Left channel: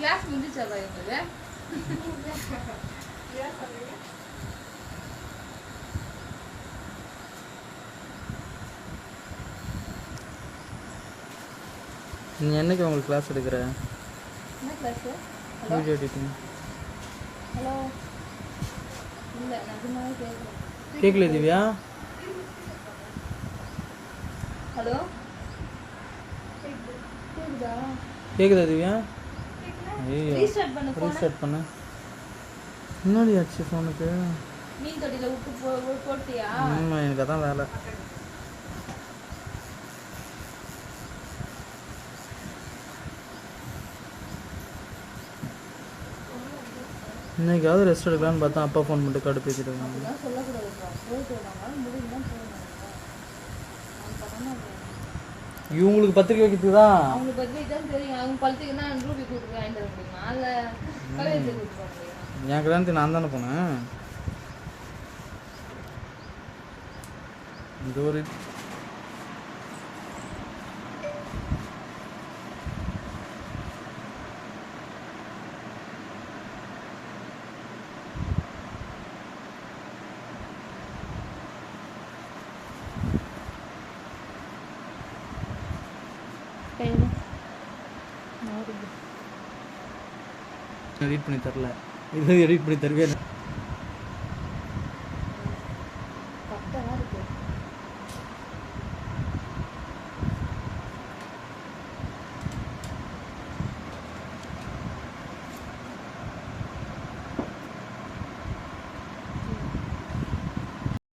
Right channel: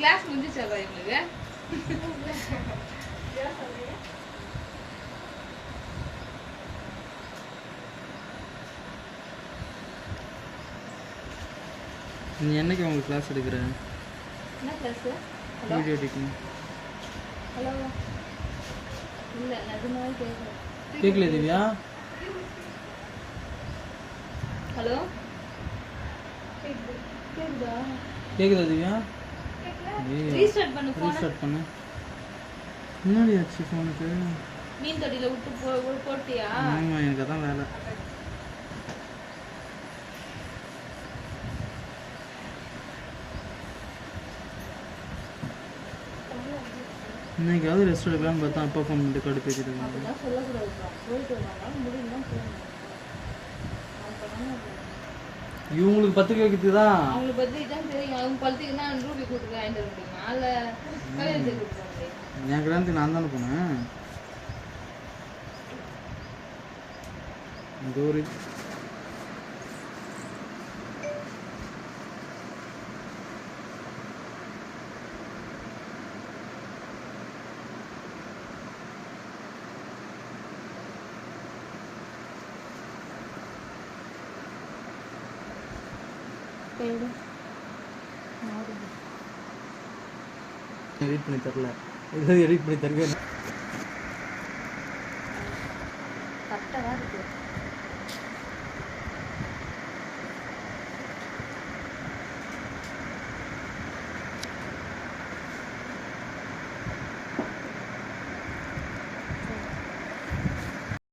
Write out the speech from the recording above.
Class முடிஞ்சிச்சா பாய் உங்களுக்கு? நீ என்னைக்கு உங்களுக்கு கிளாஸ் எடுக்கிற? என்ன class? Hello video editing. Hello இல்ல நிஜமாவே கேட்கல. கேட்கல திவ்யா? ஹலோ கேக்குதா? கேக்குதா திவ்யா? ரீஸ்டார்ட் பண்ணு போன். ரீஸ்டார்ட் பண்ணு. என்னடி ஆச்சு ஃபோனுக்கு? மீன் தொட்டில விட்டு போட்டியா? ஆமா, எனக்கு அதான் வேலை. இன்னைக்காவது ரெஸ்ட் எடுக்கலான்னு பார்த்தா அப்பா ஃபோன் பண்ணிட்டு கடுப்பிக்குது. அப்படிலாம் சொல்லக்கூடாதுப்பா. போயிட்டு வந்தாங்க முடியும்னா போகணும். இவங்களுக்கு பத்திரிக்கை வைக்கிறது தான். அவங்களுக்கு பத்திரிக்கை தான் தெரியும். அவங்க பத்திரிக்கைன்னா ரூபி கூப்பிட்டு வாங்கிட்டு வர முடியுமா? இல்லை கல்யாணத்துக்கு கூப்பிட்டு வர முடியுமா? என் கல்யாணத்துக்கு நான் தானே போனேன். இது ஒரு எடிட் பண்ணி தரல. இது எடிட் பண்ணி தருவேன். கரெக்டாக தான் இருக்கு.